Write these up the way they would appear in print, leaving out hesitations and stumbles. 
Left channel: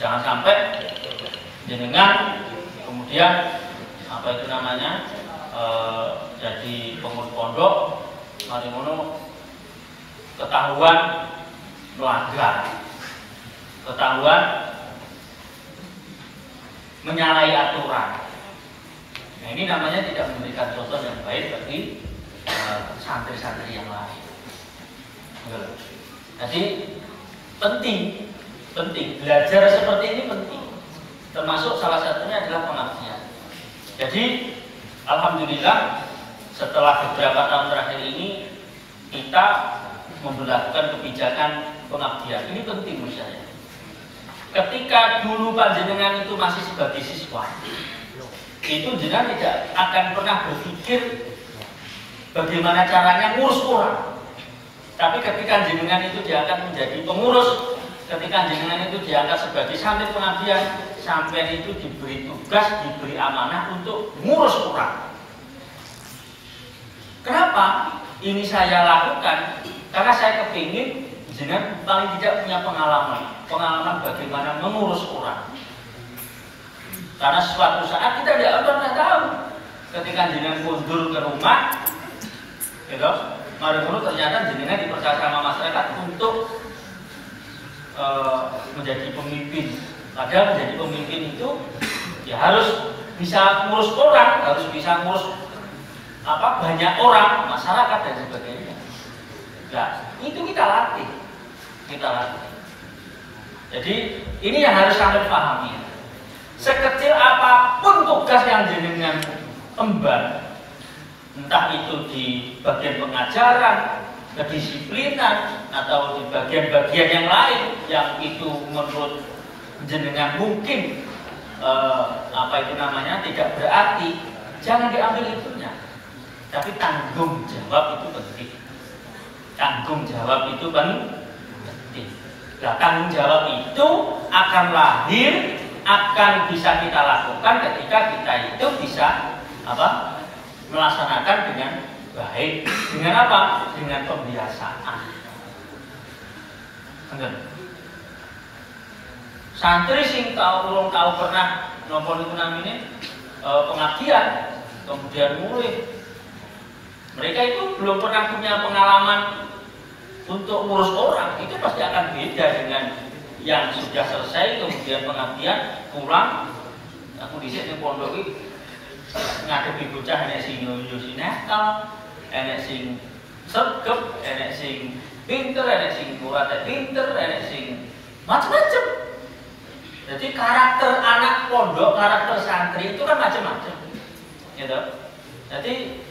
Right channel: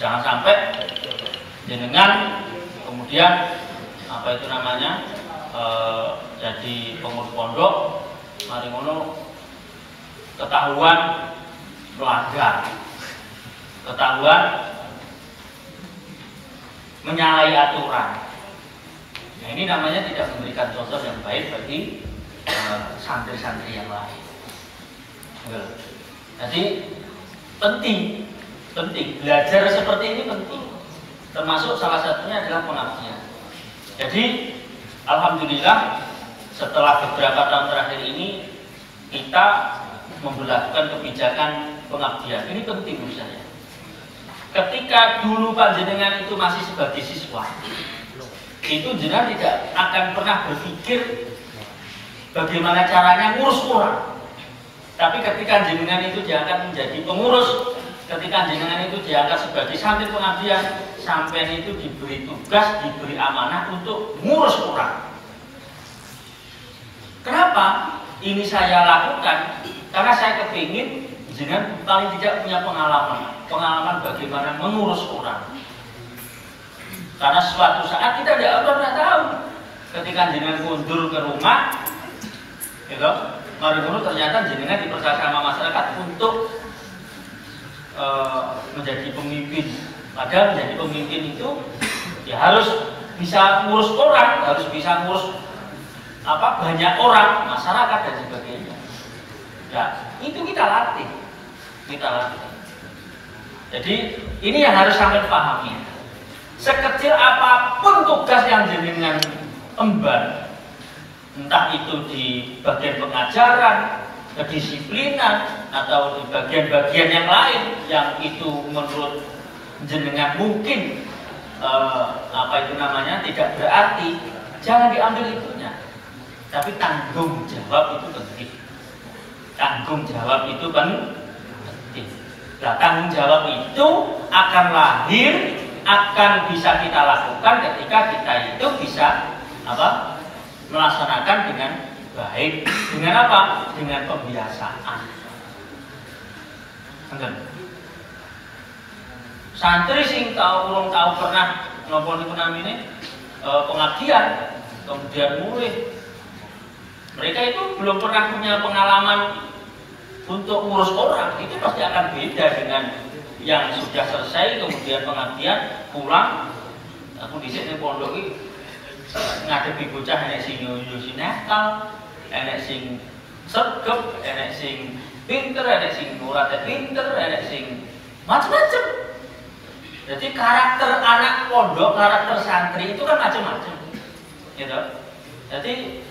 Jangan sampai jenengan kemudian apa itu namanya jadi pengurus pondok, mari ngono ketahuan melanggar, ketahuan menyalahi aturan. Nah, ini namanya tidak memberikan contoh yang baik bagi santri-santri yang lain. Jadi penting belajar seperti ini penting. Termasuk salah satunya adalah pengabdian. Jadi alhamdulillah setelah beberapa tahun terakhir ini kita memberlakukan kebijakan pengabdian. Ini penting menurut saya. Ketika dulu panjenengan itu masih sebagai siswa, itu jenengan tidak akan pernah berpikir bagaimana caranya ngurus orang. Tapi ketika jenengan itu diangkat menjadi pengurus, ketika jenengan itu diangkat sebagai santri pengabdian, sampai itu diberi tugas, diberi amanah untuk ngurus orang. Kenapa ini saya lakukan? Karena saya kepingin jenengan paling tidak punya pengalaman bagaimana mengurus orang. Karena suatu saat kita tidak pernah tahu, ketika jenengan mundur ke rumah, gitu, mari dulu ternyata jenengan dipercaya sama masyarakat untuk menjadi pemimpin. Padahal menjadi pemimpin itu ya harus bisa ngurus orang, harus bisa ngurus banyak orang, masyarakat dan sebagainya. Nah, itu kita latih. Jadi ini yang harus kalian pahami. Sekecil apapun tugas yang jenengan emban, entah itu di bagian pengajaran, kedisiplinan, atau di bagian-bagian yang lain yang itu menurut jenengan mungkin tidak berarti, jangan diambil itunya. Tapi tanggung jawab itu penting. Tanggung jawab itu penting. Nah, tanggung jawab itu akan lahir, akan bisa kita lakukan ketika kita itu bisa melaksanakan dengan baik. Dengan apa? Dengan pembiasaan. Benar. Santri sing urung tahu pernah napa niku namine pengabdian, kemudian mulai. Mereka itu belum pernah punya pengalaman untuk ngurus orang, itu pasti akan beda dengan yang sudah selesai kemudian pengabdian pulang. Aku dhisik di pondok iki ngadepi bocah enek sing yo sinekal, enek sing sregep, enek sing pinter, enek sing kurate pinter, enek sing macam-macam. Jadi karakter anak pondok, karakter santri itu kan macam-macam, gitu. Jadi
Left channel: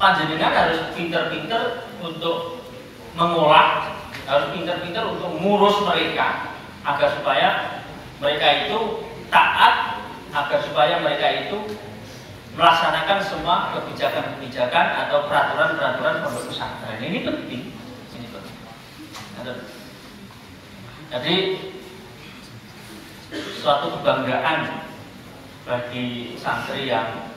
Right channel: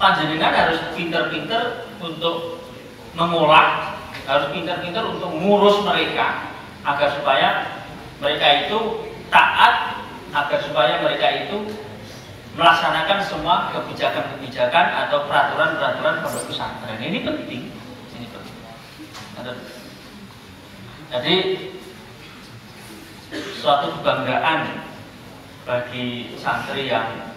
panjenengan harus pinter-pinter untuk mengolah, harus pinter-pinter untuk mengurus mereka agar supaya mereka itu taat, agar supaya mereka itu melaksanakan semua kebijakan-kebijakan atau peraturan-peraturan pondok pesantren. Ini penting. Jadi suatu kebanggaan bagi santri yang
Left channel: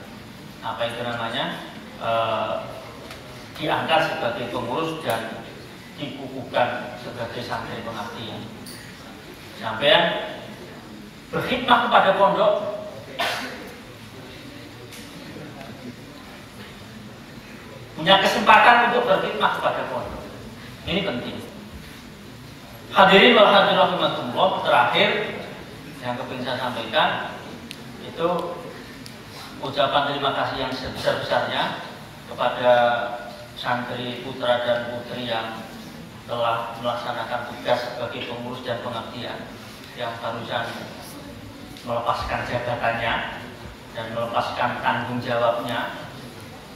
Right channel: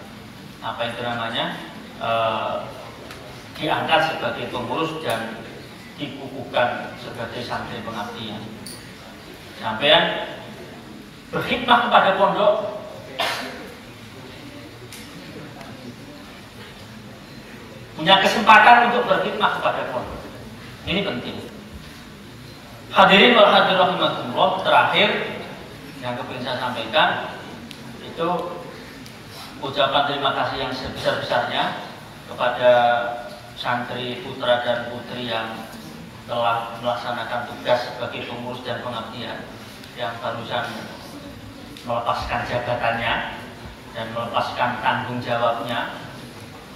diangkat sebagai pengurus dan dikukuhkan sebagai santri pengabdian. Sampean berkhidmat kepada pondok, punya kesempatan untuk berkhidmat kepada pondok. Ini penting. Hadirin wal hadirat rahimakumullah, terakhir yang ingin saya sampaikan itu ucapan terima kasih yang sebesar-besarnya kepada santri putra dan putri yang telah melaksanakan tugas sebagai pengurus dan pengabdian, yang barusan melepaskan jabatannya dan melepaskan tanggung jawabnya.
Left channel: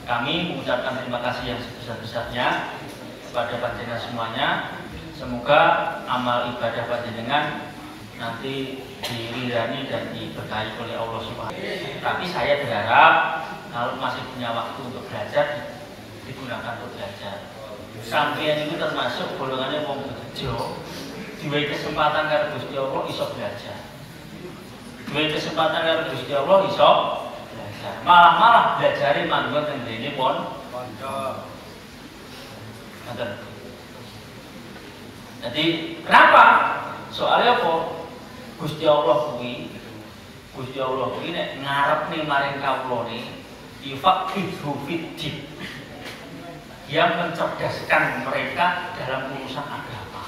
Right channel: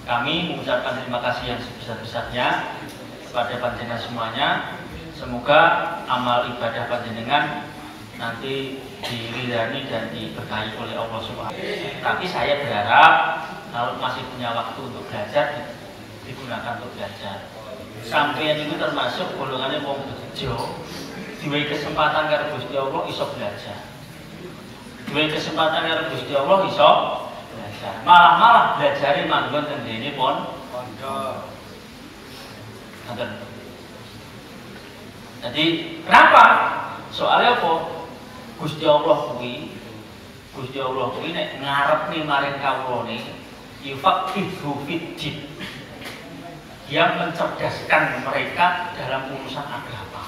Kami mengucapkan terima kasih yang sebesar-besarnya kepada panjenengan semuanya. Semoga amal ibadah panjenengan nanti diridani dan diberkahi oleh Allah Subhanahu wa Ta'ala. Tapi saya berharap kalau masih punya waktu untuk belajar, digunakan untuk belajar. Sampai itu termasuk golongannya wong bejo, diberi kesempatan karo Gusti Allah iso belajar. Diberi kesempatan karo Gusti Allah iso belajar. Malah belajare manggon teng dene pondok. Jadi kenapa? Soalnya apa? Gusti Allah kuwi nek ngarepne maring kawulane yufaqihu fiddin. Dia mencerdaskan mereka dalam urusan agama.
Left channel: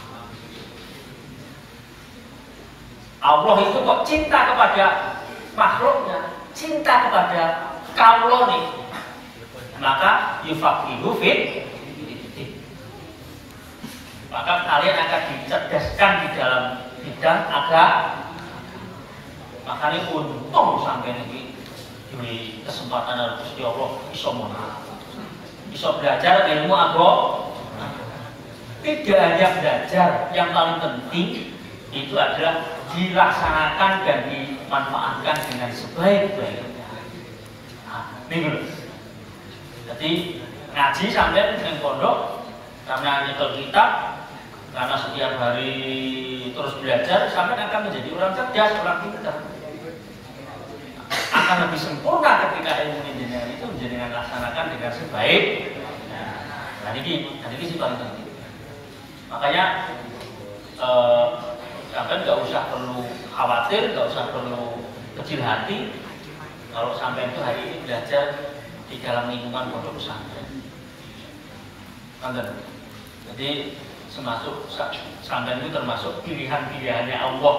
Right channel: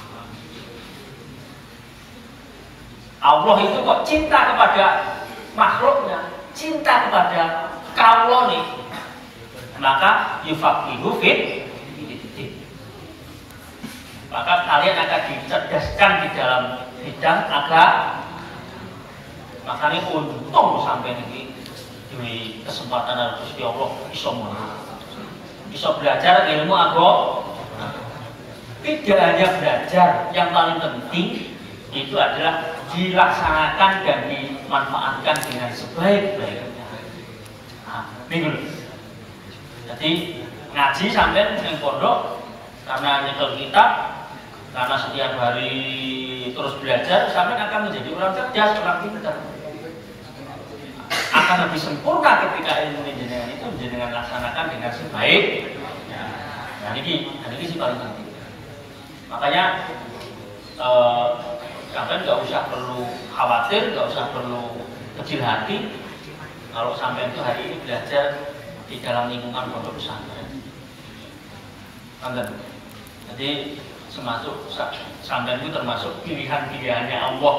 Allah itu kok cinta kepada makhluknya, cinta kepada kawulane. Maka yufaqihu fiddin. Maka kalian akan dicerdaskan di dalam bidang agama. Makanya untung sampai ini di kesempatan dari Gusti Allah bisa belajar ilmu agama. Tidak hanya belajar, yang paling penting itu adalah dilaksanakan dan dimanfaatkan dengan sebaik-baiknya. Nah, ini dulu. Jadi ngaji sampai yang pondok karena nyetel kitab, karena setiap hari terus belajar, sampai akan menjadi orang cerdas, orang pintar. Akan lebih sempurna ketika ilmu jenengan itu jenengan laksanakan dengan sebaik. Nah, ini sih paling penting. Makanya sampai nggak usah perlu khawatir, nggak usah perlu kecil hati kalau sampai itu hari ini belajar di dalam lingkungan pondok pesantren. Jadi semasuk sampai itu termasuk pilihan-pilihannya Allah.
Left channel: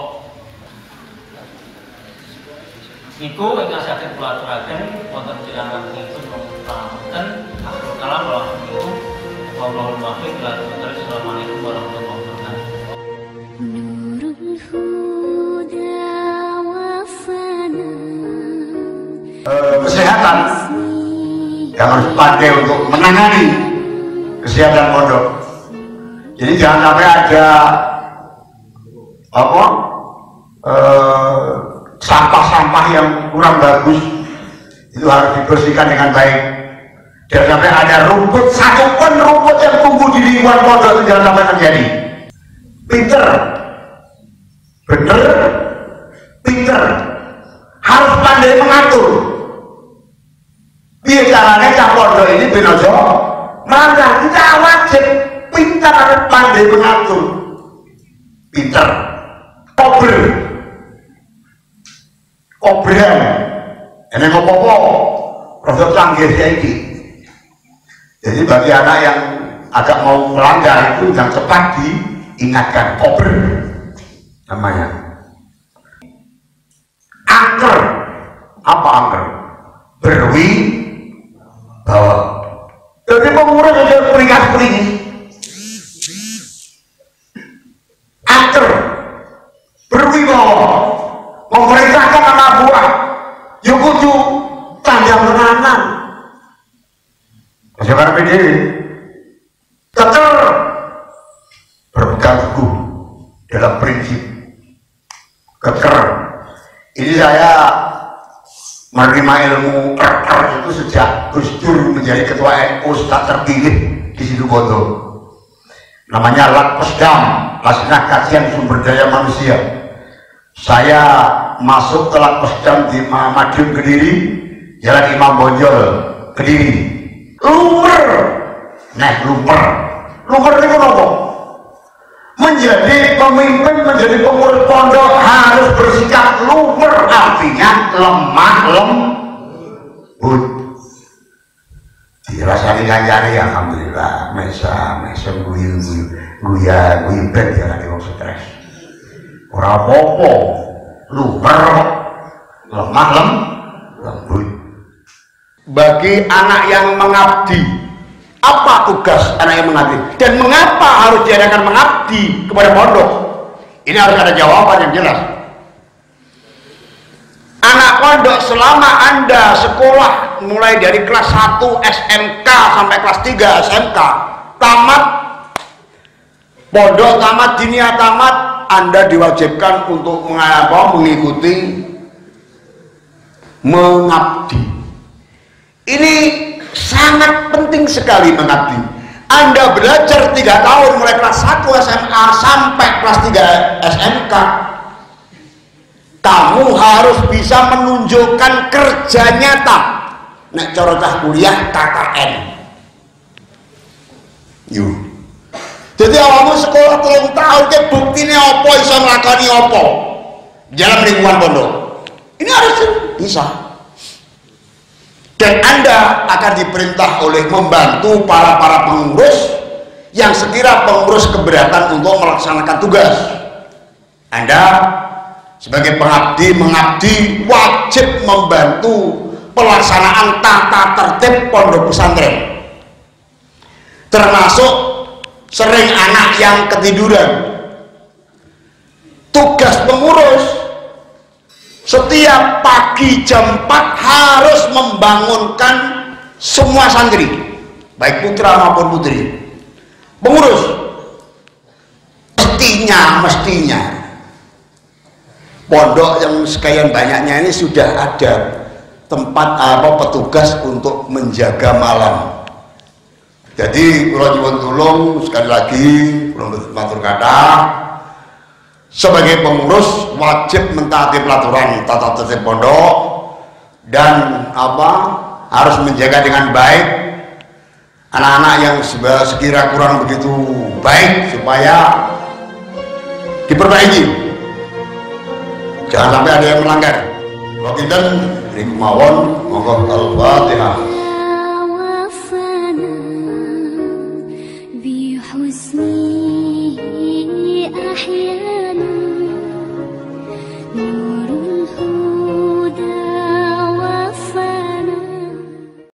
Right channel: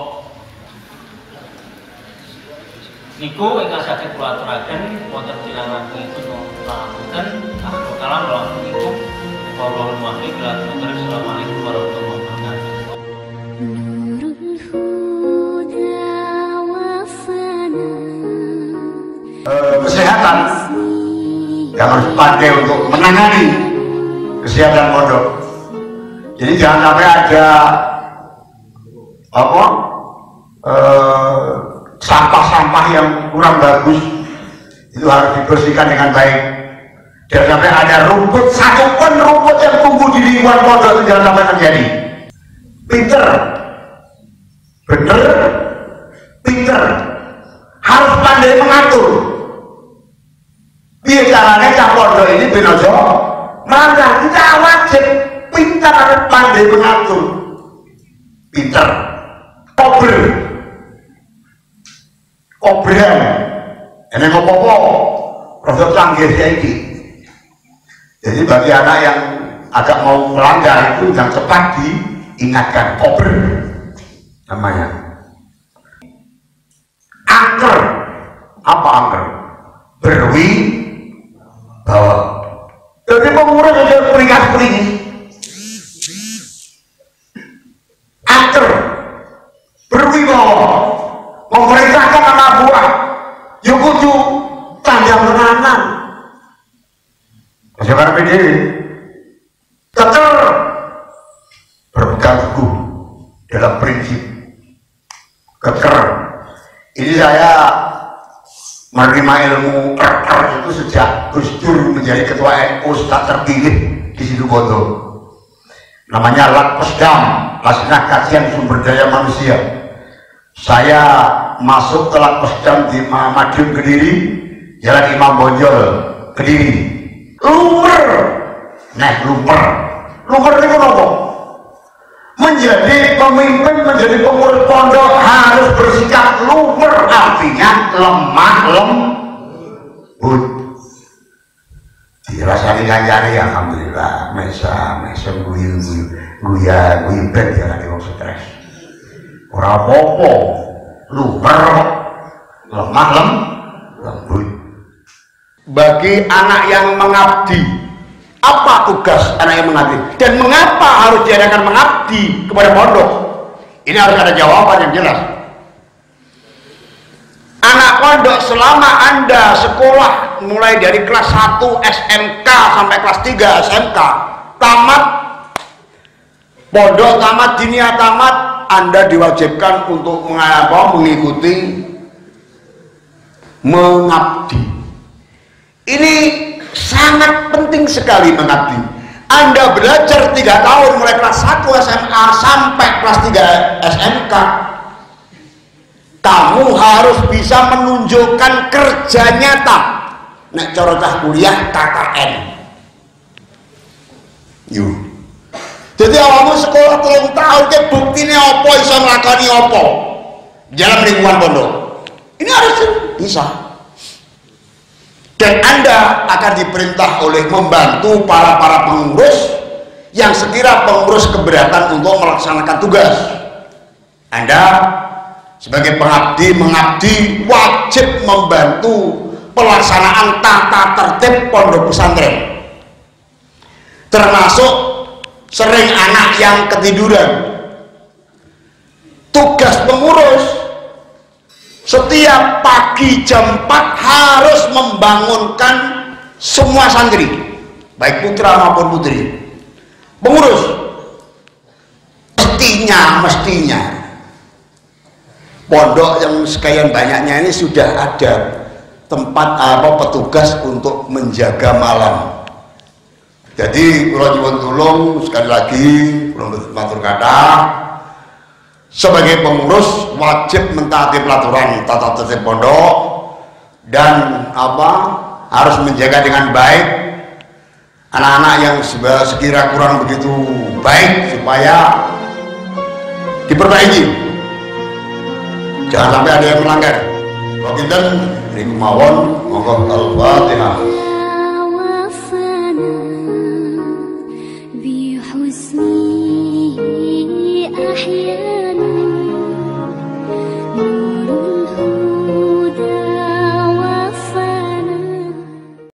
Niku ingkang saged kula aturaken wonten cilanan itu wonten kalam lawan niku warahmatullahi wabarakatuh. Assalamualaikum warahmatullahi wabarakatuh. Nurul huda wafana. Kesehatan yang harus dipakai untuk menangani kesehatan pondok. Jadi jangan sampai ada sampah-sampah yang kurang bagus, itu harus dibersihkan dengan baik. Jangan sampai ada rumput, satupun rumput yang tumbuh di lingkungan pondok itu jangan sampai terjadi. Pinter, bener, pinter, harus pandai mengatur. Biar caranya cah pondok ini benojo melanggar. Kita wajib pintar, harus pandai mengatur. Pinter, obrean, ini ngopo-ngopo, produk canggih ini. Jadi bagi anak yang agak mau melanggar itu yang cepat diingatkan, kober namanya. Angker, apa angker? Berwi bawa. Jadi pengurus ada peringkat-peringkat. Angker, berwi bawa. Memerintahkan anak buah yang kudu tanda menanan masyarakat PD tetap berpegang teguh dalam prinsip keker. Ini saya menerima ilmu keker itu sejak Gus Dur menjadi ketua NU tak terpilih di Situbondo. Namanya Lakpesdam, Laksana Kajian Sumber Daya Manusia. Saya masuk ke Lakpesdam di Madiun Kediri, Jalan Imam Bonjol Kediri. Lumer itu apa? Menjadi pemimpin, menjadi pengurus pondok harus bersikap lumer, artinya lemah lembut. Dirasani ngancani alhamdulillah, mesa guya ben diarani wong stres. Ora apa-apa, lumer, lemah lembut. Bagi anak yang mengabdi, apa tugas anak yang mengabdi? Dan mengapa harus diadakan mengabdi kepada pondok? Ini harus ada jawaban yang jelas. Anak pondok selama Anda sekolah mulai dari kelas 1 SMK sampai kelas 3 SMK, tamat pondok, tamat dinia, tamat, Anda diwajibkan untuk mengikuti mengabdi. Ini sangat penting sekali mengabdi. Anda belajar 3 tahun mulai kelas 1 SMA sampai kelas 3 SMK. Kamu harus bisa menunjukkan kerja nyata. Nek cara cah kuliah KKN. Yuk. Jadi awakmu sekolah 3 tahun ke buktine apa iso nglakoni apa? dalam lingkungan pondok. Ini harus bisa. Dan Anda akan diperintah oleh membantu para pengurus yang sekira pengurus keberatan untuk melaksanakan tugas. Anda sebagai mengabdi wajib membantu pelaksanaan tata tertib pondok pesantren, termasuk sering anak yang ketiduran. Tugas pengurus setiap pagi jam 4 harus membangunkan semua santri, baik putra maupun putri. Pengurus mestinya pondok yang sekian banyaknya ini sudah ada tempat petugas untuk menjaga malam. Jadi kula nyuwun tulung sekali lagi, kula matur kathah, sebagai pengurus wajib mentaati peraturan tata tertib pondok dan harus menjaga dengan baik anak-anak yang sekira kurang begitu baik supaya diperbaiki. Jangan sampai ada yang melanggar. Wakinten niku mawon, monggo Al-Fatihah.